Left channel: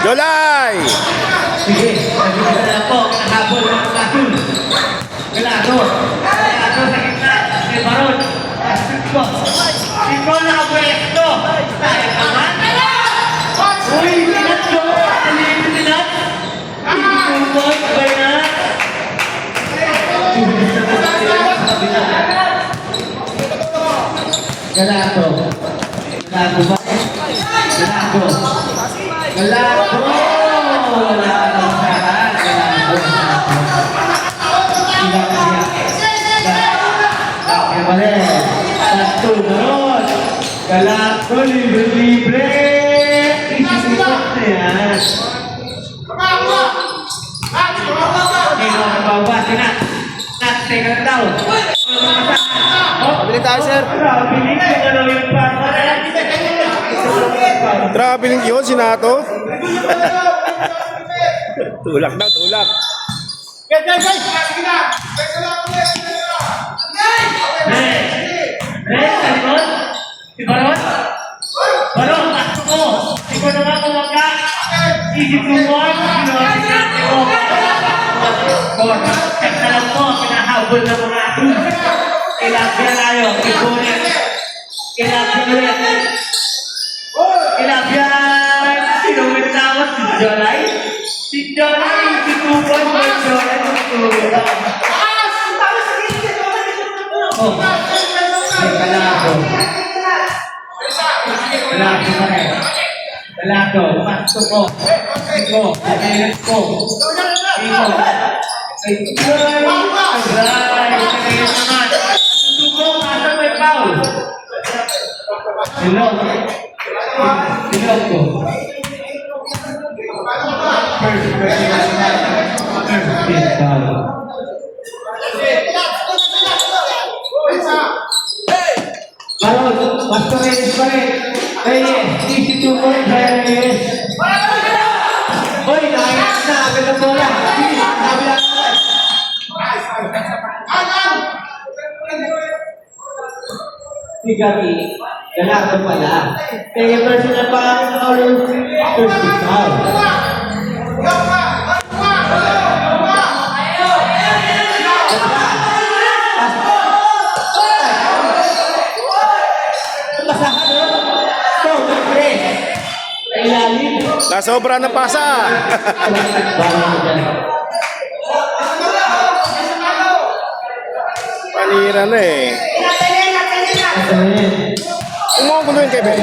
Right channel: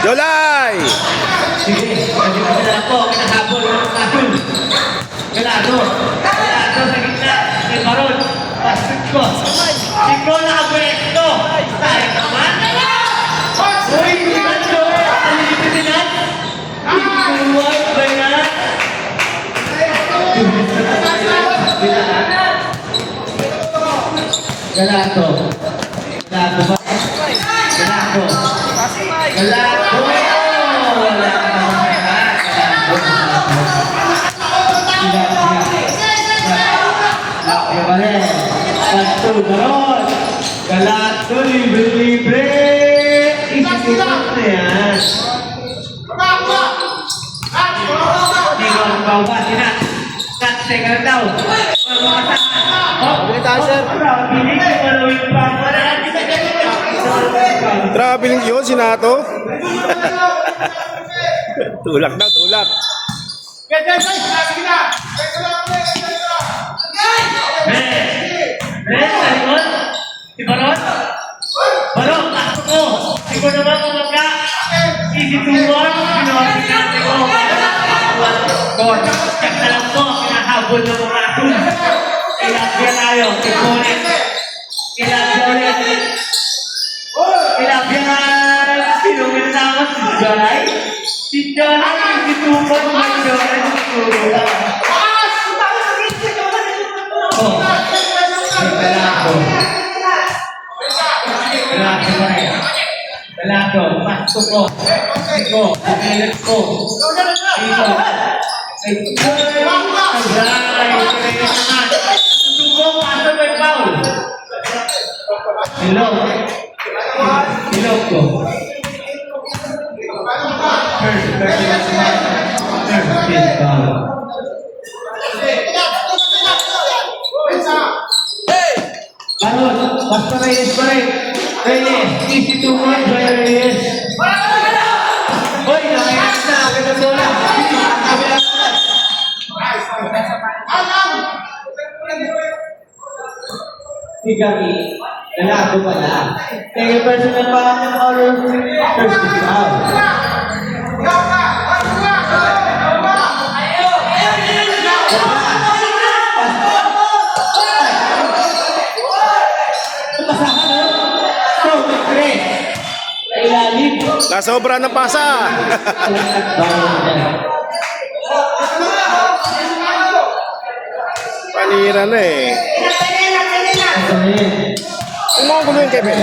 Jolay! Sige, na po, kinahabol ng Latul. Galado sa gitna, may Baron. Pasok ko. Sino na ang pwesto? Ay, naman. Uy, Nacho! Palitin na. Tuloy, tuloy na. Galado. Galado ba? Galado. Galado. Galado, libre-libre. Isusunod na yan. Hindi mo ang bawas. Natseka na daw. Pabili tayo, sir. Pabili ka daw yung partner. Traveling yun, sinato. Tulak daw, tulak. Si Baron? Baron, takto ko. Ikaw naman kumaka. Isituan, pinuwasin natin mo. Check na lang po, pinahabol na mga atul. Ilagyan tayo, ikunin. Ilagyan ulit. Ilagyan. Sino may tawag? Si Jalay? Si Jalay, isituan mo yung Jalay. Oh, may kalako. Galado pa rin. Galado, pasok ko. Iko, pinilit ko. Iko. Ay, pinilit naman. Tutuko, asa may foul. Hello. Hello ko. First foul. Baron, basta Reyes pa rin. Reyes, easy to win, Reyes. Hoy, nakakit na, abit ang bola. Sabi lang naman. Si Gabi, galado pala. Kaya personal pa ang oral first foul. Nasobra ng pasa. Panira na eh. Umuugulo yung Kevin.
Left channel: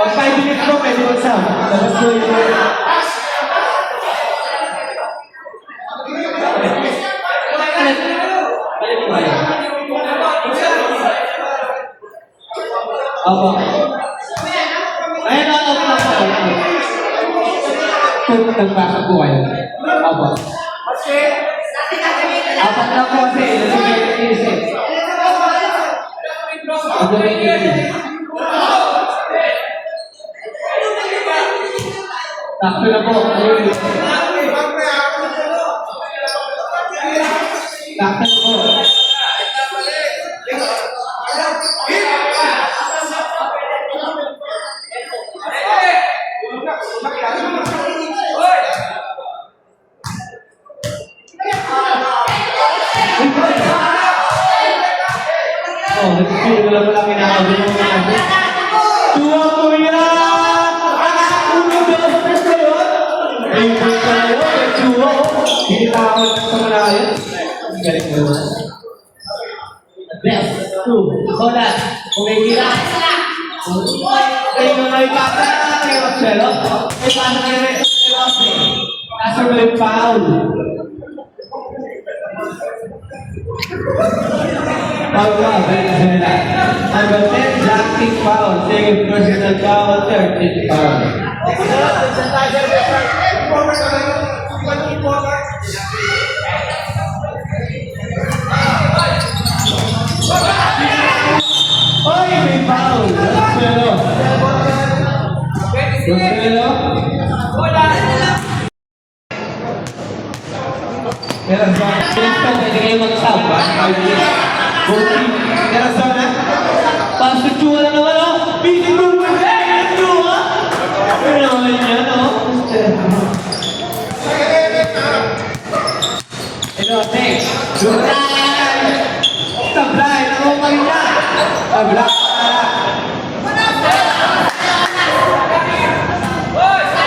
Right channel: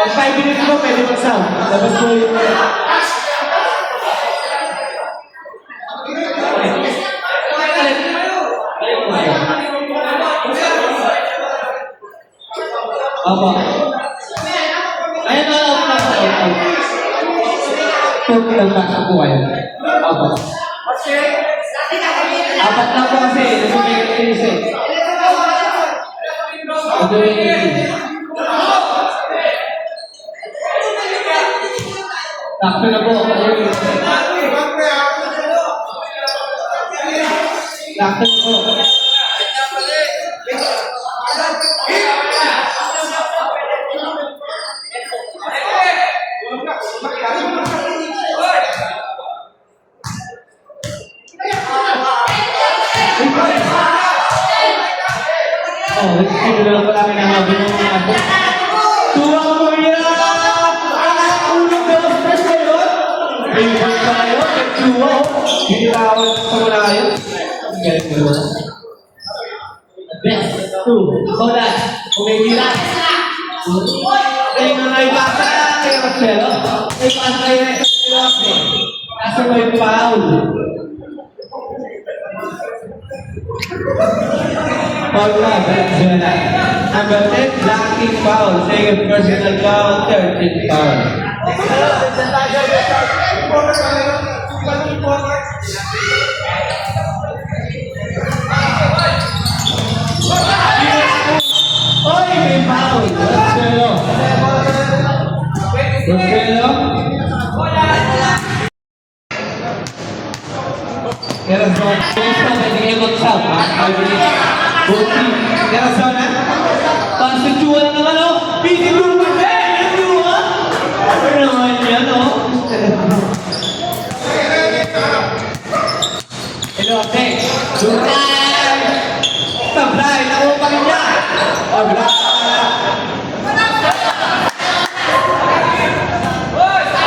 Pag 5 minutes mo, pwede mag-sound. Tapos mo yung... Opo. Ayun na lang po. Pagpasok po kayo. Opo. Apat na po kasi. Takbo na po. Takbo na po. Oh, hindi na lang pala kinahabi mo mga abo. Tuwa mo yan! Uno, dos, tres ba yun? Favorite ka na yun, yung tuwa. Hindi tawag ng pamalayan. Ang galing mo naman. Best, two, hola, umigila. Kayo na ipasa, kayo Marcelo. Ipasa kayo na ipasa. Nasa mo yung foul. Venezuela. Number 10, Jackie Foul. Second personal foul, 13th foul. Oy, may foul. Venezuela. Pero zone. Finish pa, pwede kayo mag-shout, ha? Bukti. Pero zone, ha? Pasituan naman, oh! Busy mo naman, ha? Ano naman yan, oh? Hello, next. Duran! Sablay, nakupang niya! Wala!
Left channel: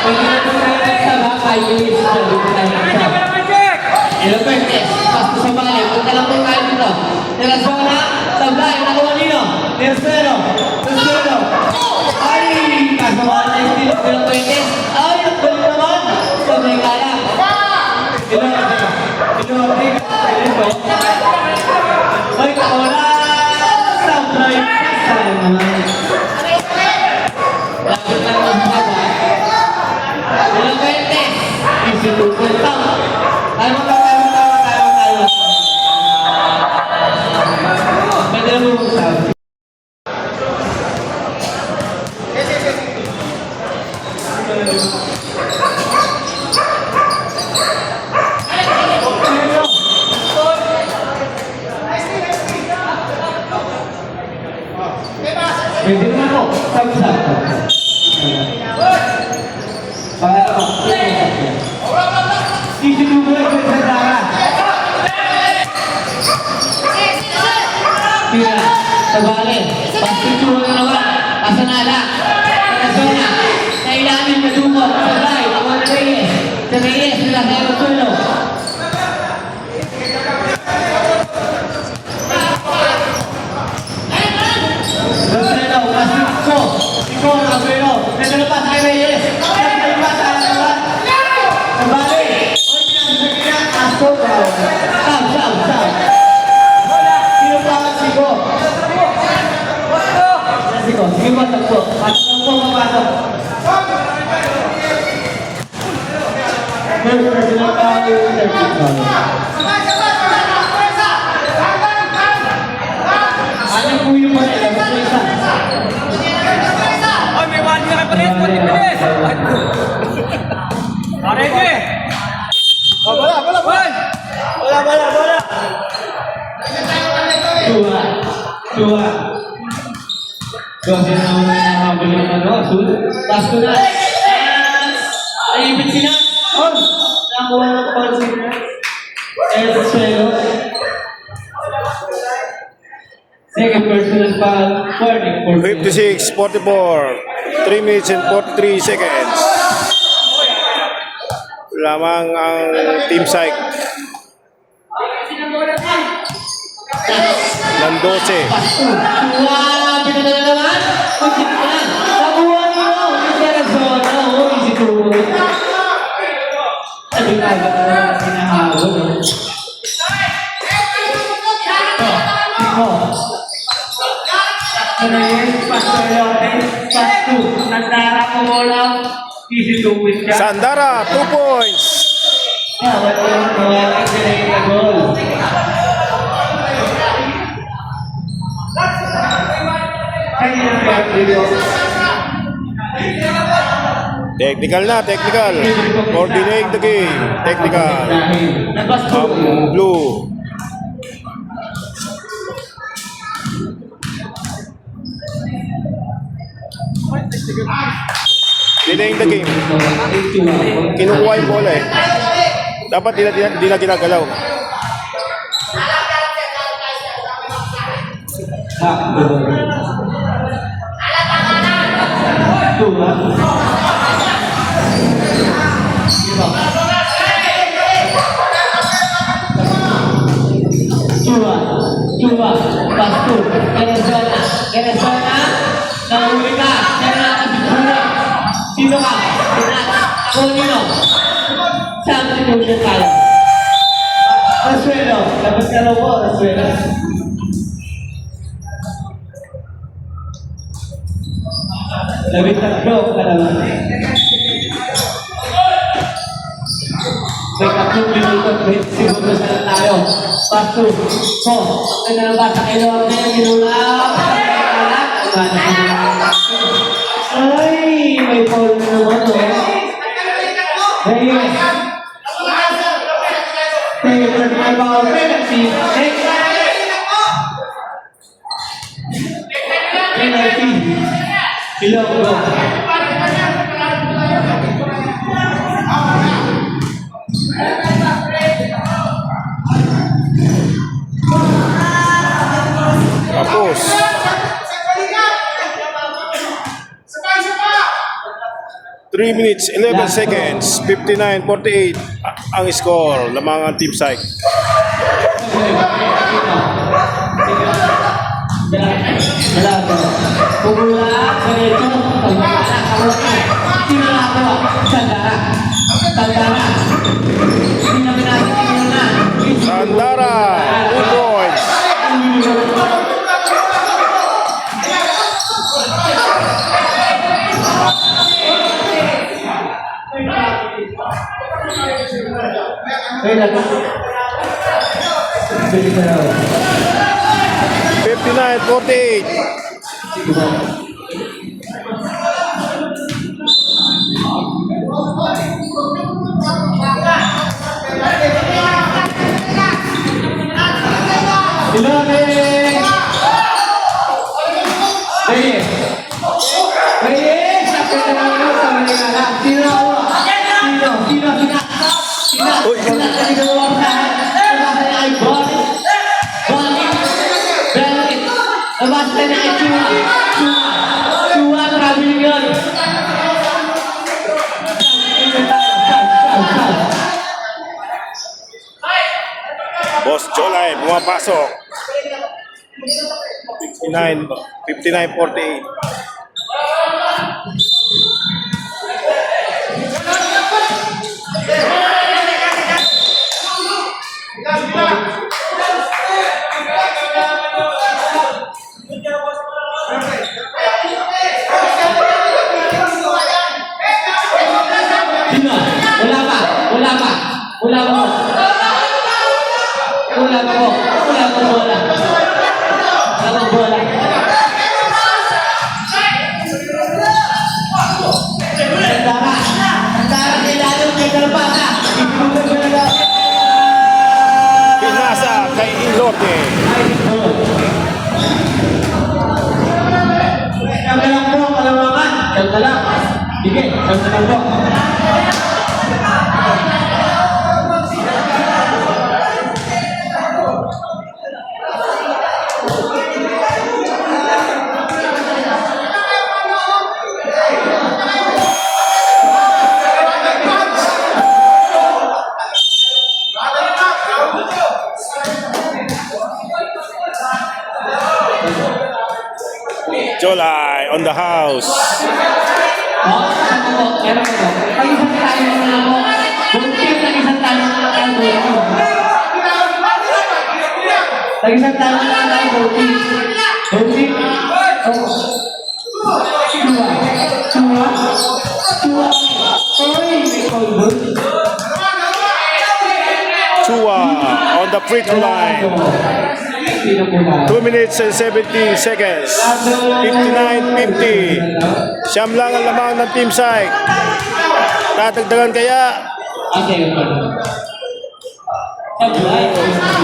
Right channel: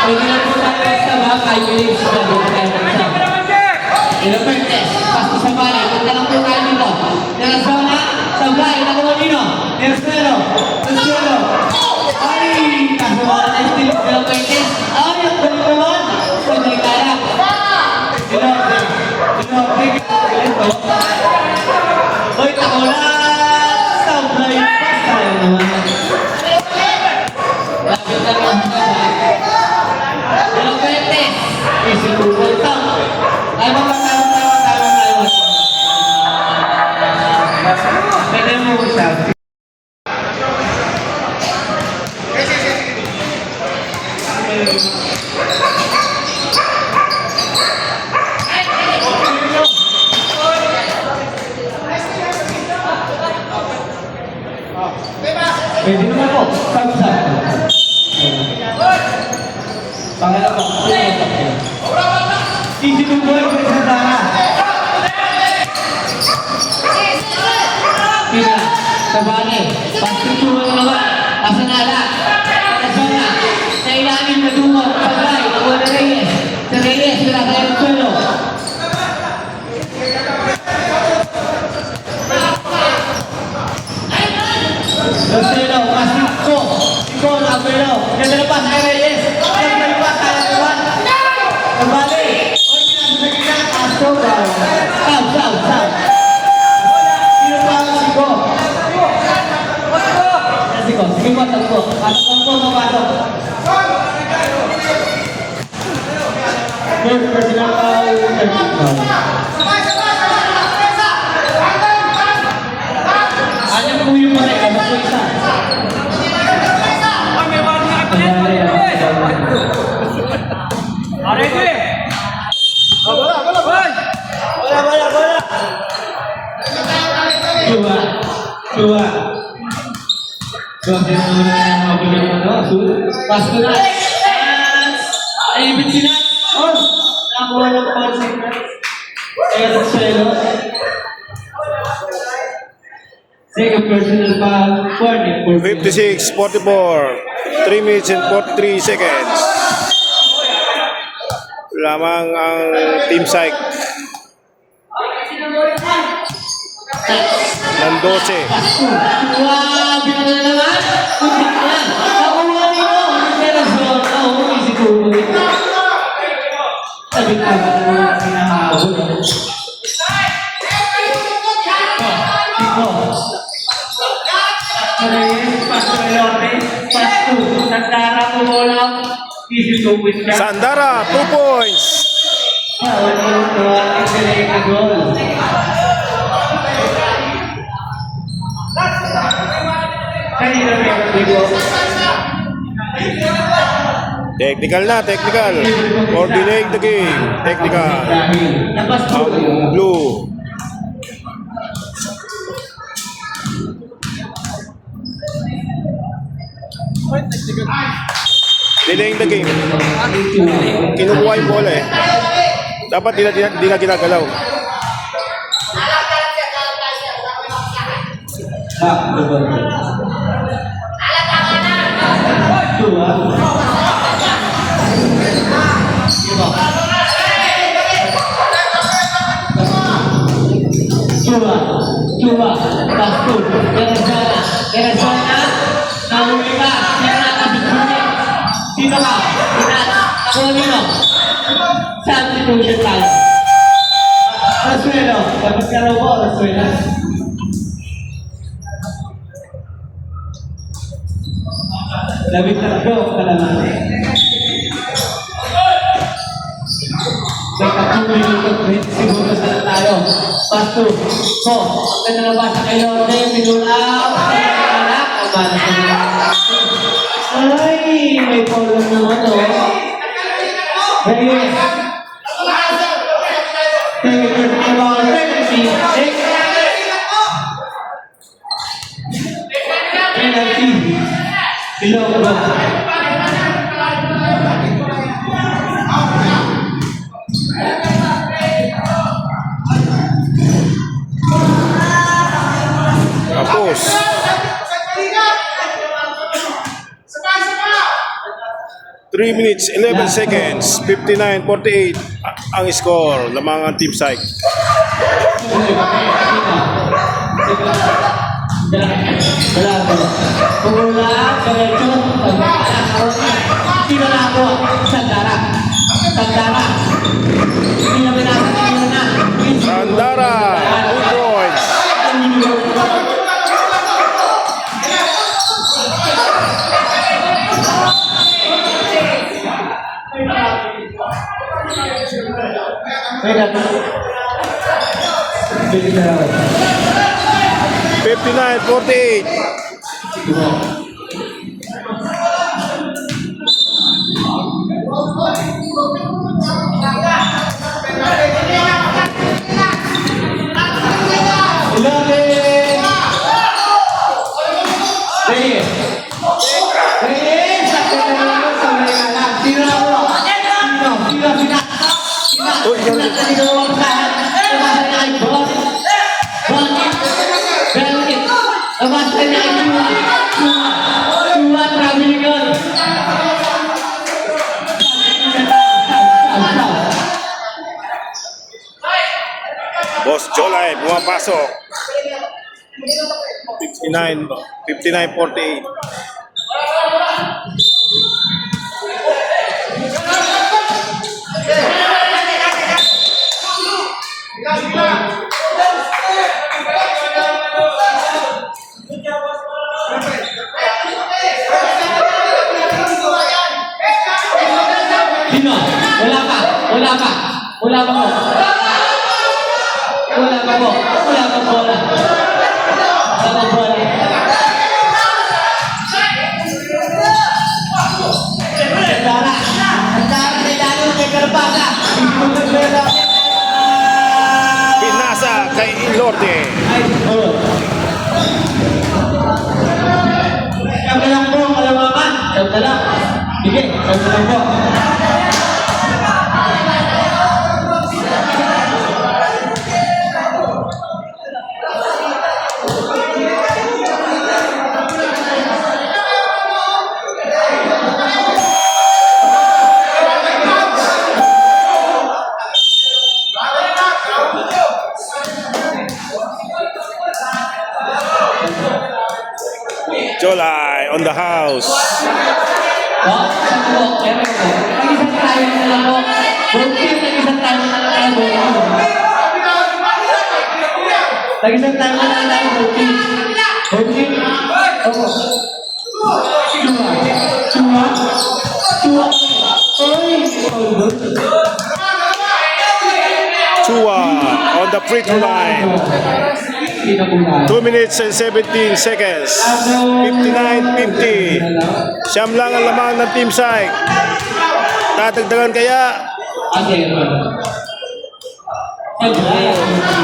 Pwede na po tayo magsama, 5 minutes na dito tayo magsama. Hello, Bertes. Pasto sa bayan. Punta lang po kayo dito. Nila zona. Sablay. Nakuha nino. Tercero. Tercero. Ay! Kasawa na yung still. Hello, Bertes. Ay! Ang galing naman. Sablay kaya. Hello. Hello. Hello. Ay! Nakuha. Sablay. Pasay naman. Lagot lang ang baba. Hello, Bertes. Easy to go. Ay, tayo. Pwede mo yung selfie. Pwede mo ako. Sab-sab. Pangalawa. Easy to go. Tira, sabali, pagkutuwa naman, asanala, Arizona, kailangan madungo, Sablay, Juan Reyes, sa Reyes, sila kayo tulo. Lucero, Masiko, Siko, Aguero, nagalapas kay Reyes, nagalapas kay Reyes, sabali, oy, pinasasagina, Aso, Sab. Sino pa ang Siko? Siko, sige mo, tagpo. Pasok po, mapasok. First personal foul, 13th foul. Ano po yung mali? Ano po isa? Ay, may mani ka pa rin. Pati-bilis. Arete! Wala! Dua. Bakit naman ang mga balik ano? Pasko na. Ay, ibig sila. Oh, nakuha ng pansin na. Sa'yo. Second personal foul, 56-44, 3 minutes and 43 seconds. Lamang ang Team Psych ng 12. Suwabi na naman. Kukit na. Nakuha niyo. Hindi na zona. Easy to. Sabi na ba pinahawon? Iko. Sandara, 2 points. Technical na, technical. For delaying the game. Technical. Ang blue. Delaying the game. Kinukuha yung bola eh. Dapat di na ginagalaw. Dua, pastu, kira sana, nahuli ka, kaya nakabiguri. Sino ka? Nahuli mo. Substitution tayo. Asuelo, dapat ka raw mo, Asuelo. Labing tatlo ka naman. May 3 minuto, siguro na tayo. Pastu, ko, pinalabas kay Lorde, minulaw. Ay, may polo naman o. Reyes. Favorite about penalty. Penalty. Ilonggo. Tapos. 3 minutes, 11 seconds, 59-48 ang score ng mga Team Psych. Wala po. Pumula, diretso, sinala ko, Sandara. Sandara. Sandara, 2 points. Wait, 59-48. Boss Jolay pumapasok. 59-48. Pinasa kay Ilorde. Kami lang po, kalawakan. Kami lang. Sige, kami lang po. Jolay on the house. Lagi-isang tangan na tayo, Boti. Boti. Chua on the free throw line. Hindi na po na. 2 minutes and 17 seconds. 59-50. Siyam lang ang lamang ng Team Psych. Tatagdagan kaya? Sige po.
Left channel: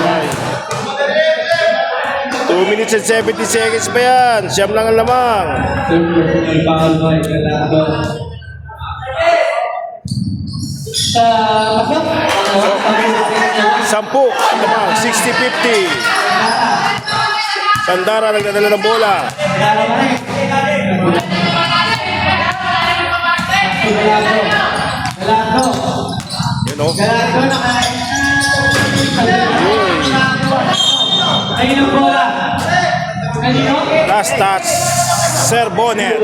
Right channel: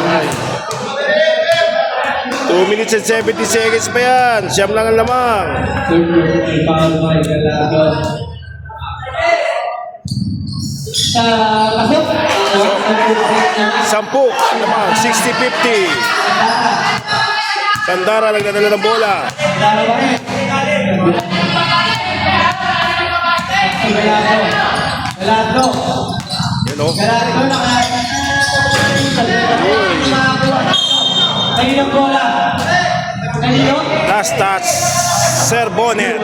Ay. 2 minutes and 70 seconds pa yan. Siyam lang ang lamang. Sampu ang lamang. 60-50. Sandara nagdadala ng bola. Yun o. Last touch. Sir Bonnet.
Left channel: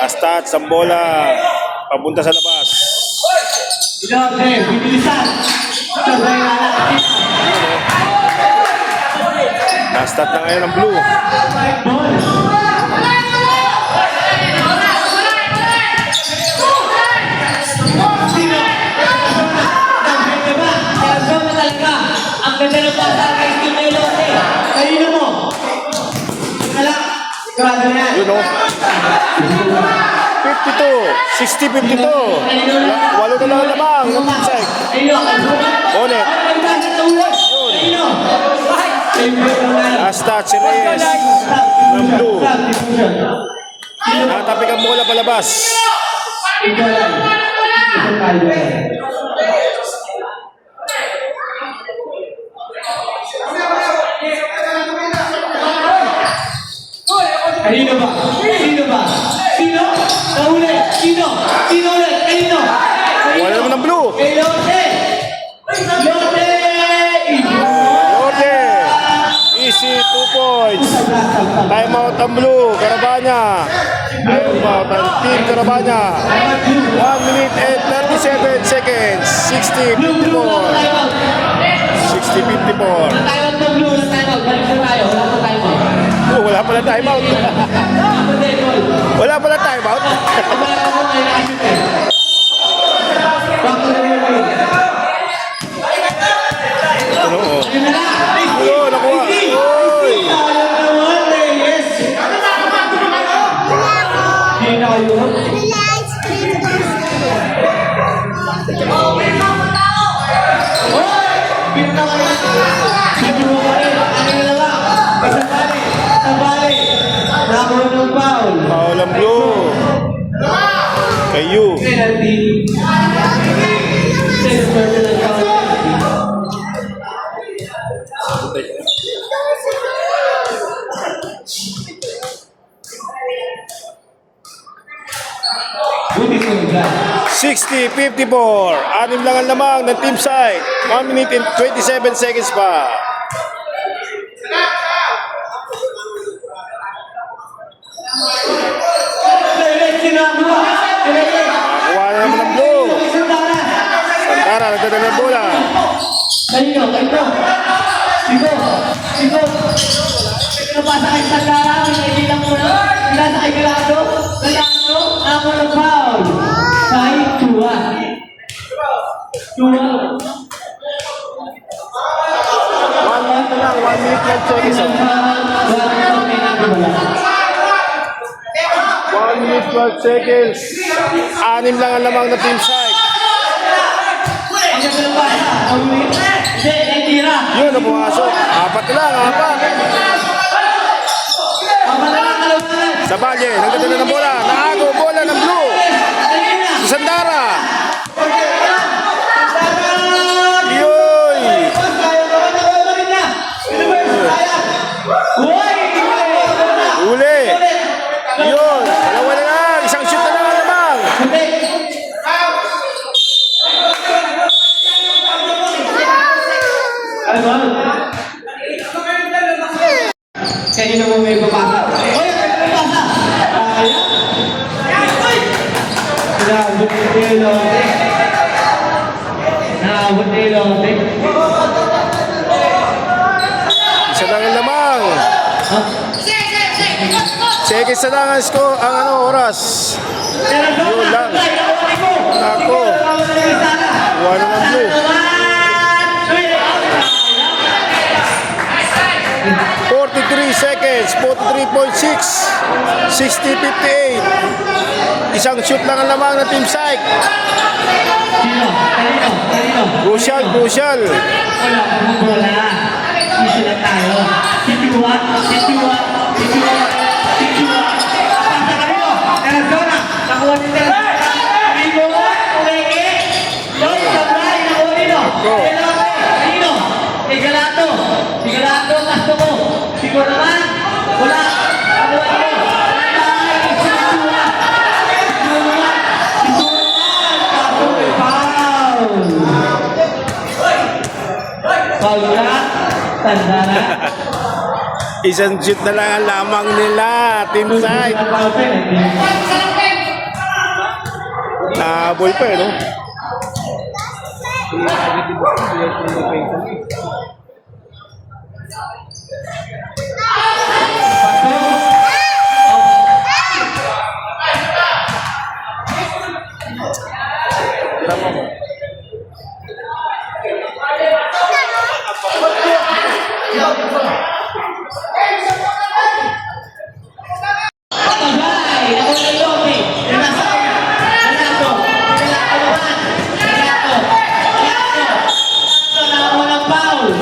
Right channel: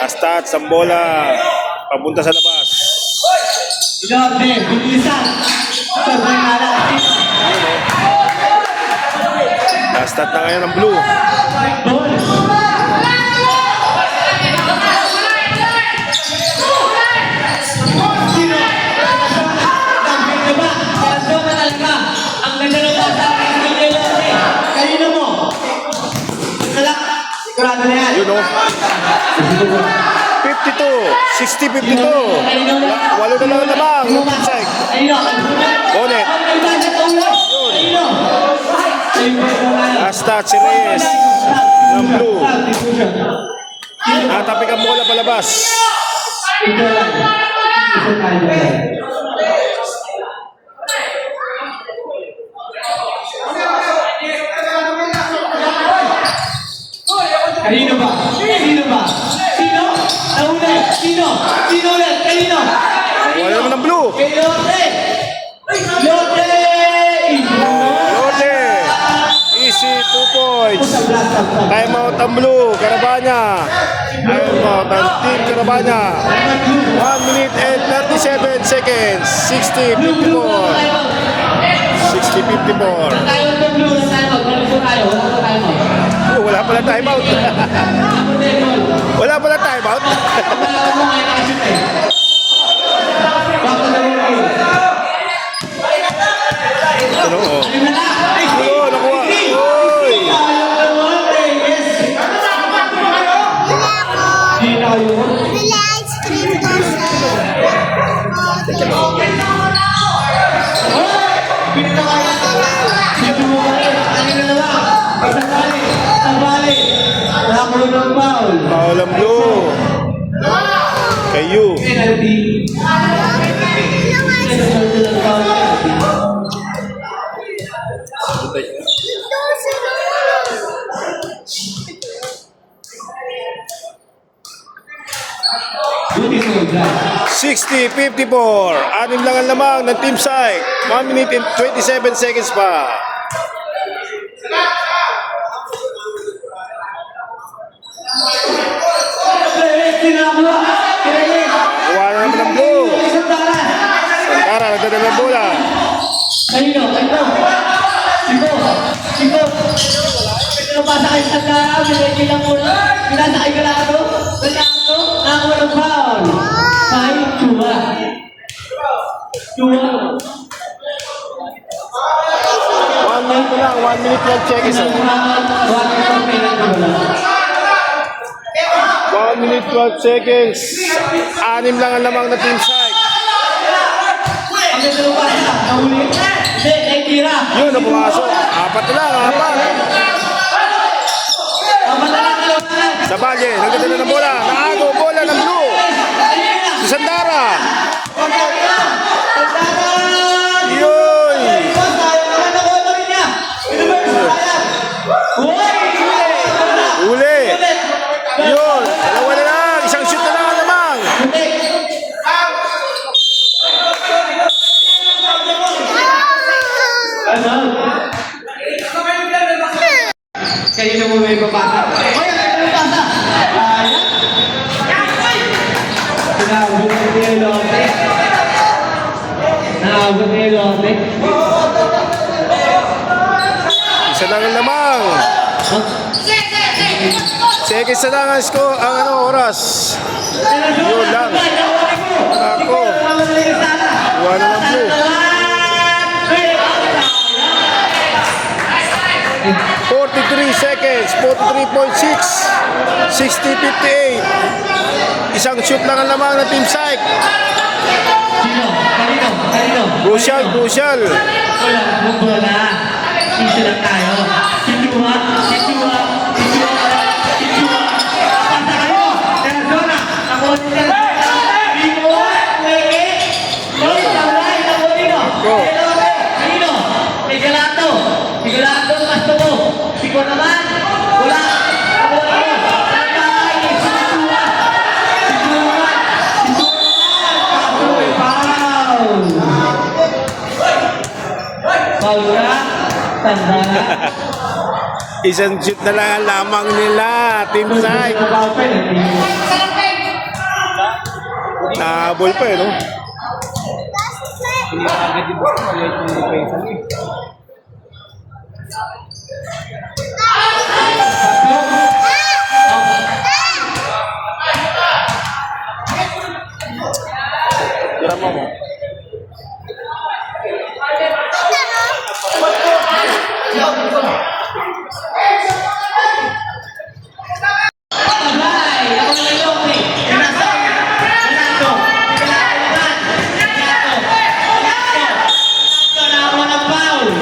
Last touch ang bola. Papunta sa labas. Last touch na ngayon ang blue. Yun o. 52. 60-52. Walo na lang ang lamang ng Team Psych. Bonnet. Yun. Last touch si Reyes ng blue. Natapik ang bola palabas. Kanino ba? Sino ba? Sino? Nahuli? Sino? Sino ulit? Kanino? Wala naman ng blue. Kay Lotte! Lotte! Lotte. Easy 2 points. Time out ang blue. Carabana. Time out ang Team Carabana. 1 minute and 37 seconds. 60-54. 60-54. Oh, wala pala time out. Wala pala time out. Ano? Oh, nakuha. Oy. Foul ang blue. Kayu. $60-54. Anim lang ang lamang ng Team Psych. 1 minute and 27 seconds pa. Nakakuha na naman ang blue. Sandara nagdadala ng bola. Kanino? Kanino? Sino? Sino? Sino ba sa akin Sandara? May kaibigan mo na? Pinasakay ka lang ano? Kaya ano? Ako ng foul. Kahit tuwa. Tuwa. 1 minute na lang. 1 minute lang seconds. 1 minute 12 seconds. Anim lang ang lamang ng Team Psych. Yun ang pumasok. Apat na lang. Apat. Sa Valle. Nagdadala ng bola. Naagaw bola ng blue. Si Sandara. Yoy. Uli. Yun. Dalawa na lang. Isang shoot na lang ang lamang. Kanino mo may papasa? Naabot ni Lotte. Naabot ni Lotte. Isa lang ang lamang. Seconds na lang ang score, ang oras. Yun lang. Ako. Wala ng blue. 43 seconds, 43.6, 60-58. Isang shoot lang ang lamang ng Team Psych. Sino? Kanino? Crucial. Wala. Issue lang tayo. Si Chua. Pasa kayo. Arizona. Nakuha ni Arizona. Rino. Uleke. Los Samurai. Nakuha nino. Ako. Sino? Sigalato. Sigalato ang gusto mo. Sigo naman. Wala. Nakuha nino. Ay, si Chua. Sigo naman. Foul ka? Tanda na? Isang shoot na lang ang lamang nila, Team Psych. Nahabol pa no? Tama mo. Patay! Ako na yung okay. Nasa Renato. Sigalato naman. Renato. Na ako ng foul.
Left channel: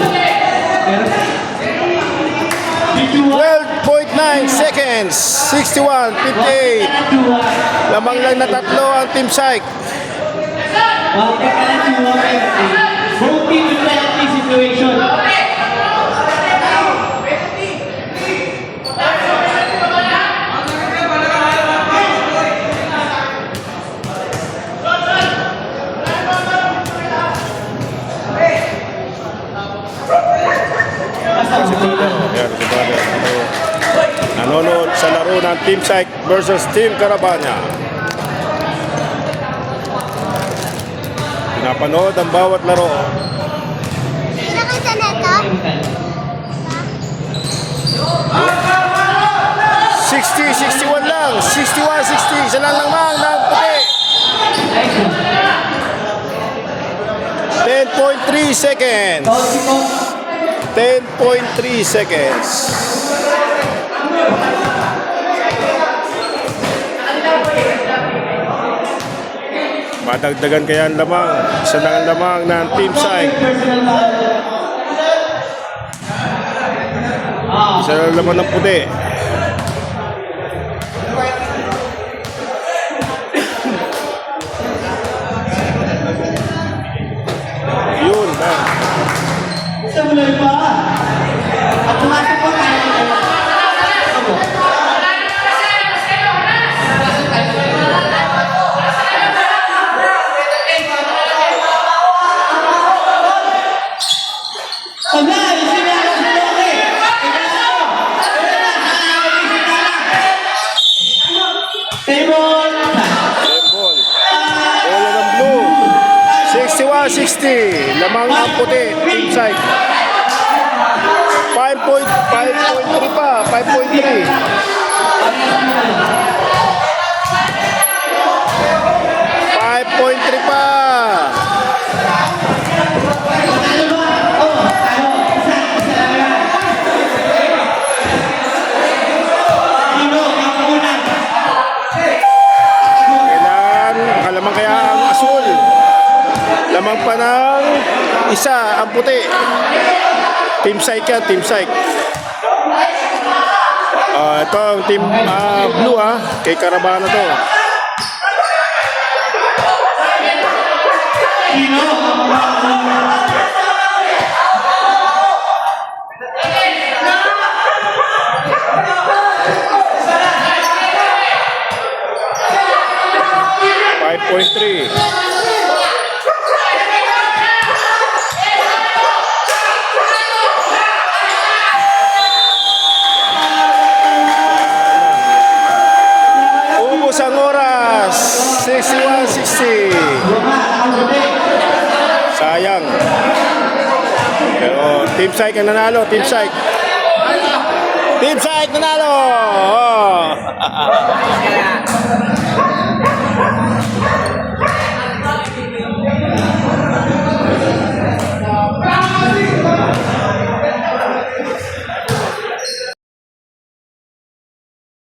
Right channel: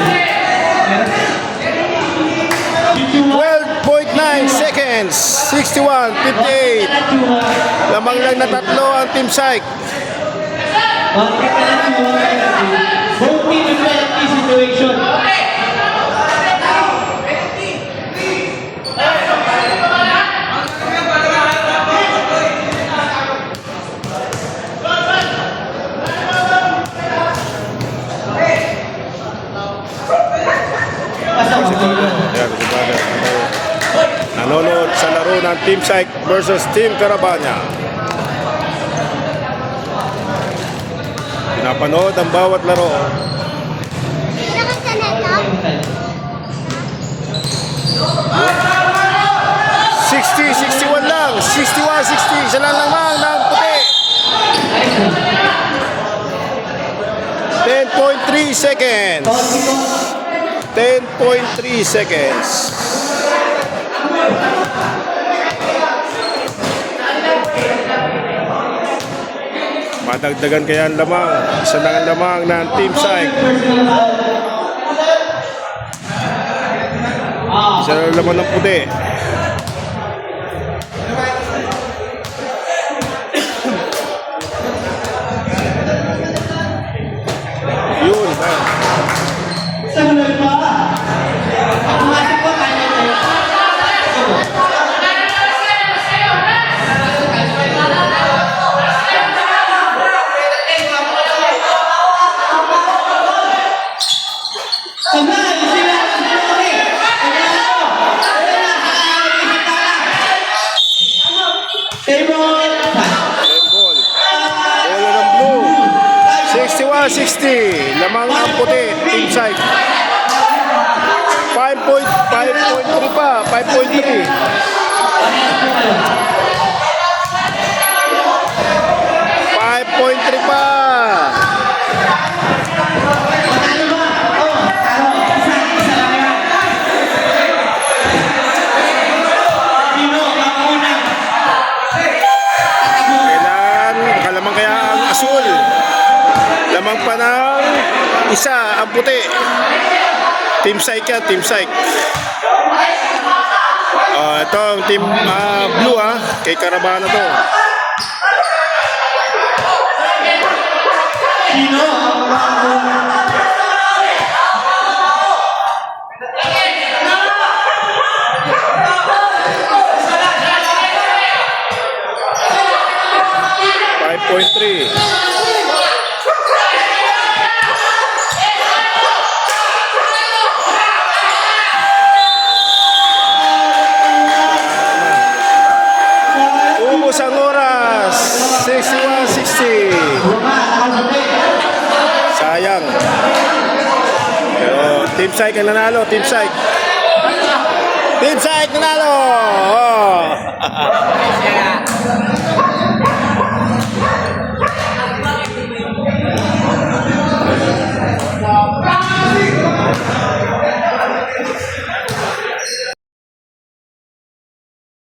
12.9 seconds, 61-58. Lamang lang na tatlo ang Team Psych. Okay ka lang Chua. Don't be in penalty situation. Si Brother, yan si Brother. Nanonood sa laro ng Team Psych versus Team Carabana. Pinapanood ang bawat laro. 60-61 lang, 61-60, isa lang lamang ng puti. 10.3 seconds. 10.3 seconds. Madagdagan kaya ang lamang. Isa lang ang lamang ng Team Psych. Isa lang ang lamang ng puti. Yun. Samurai pa. Ako nga po kaya ko. Samurai, sila si Ball. Bola ng blue. 61-60. Lamang ang puti. Team Psych. 5.3 pa. 5.3. 5.3 pa. Kailangan makalamang kaya ang asul. Lamang pa ng isa ang puti. Team Psych yan, Team Psych. Ito ang Team Blue kay Carabana to. .3. Ubos ang oras. 61-60. Sayang. Pero Team Psych ang nanalo. Team Psych. Team Psych nanalo. Oh.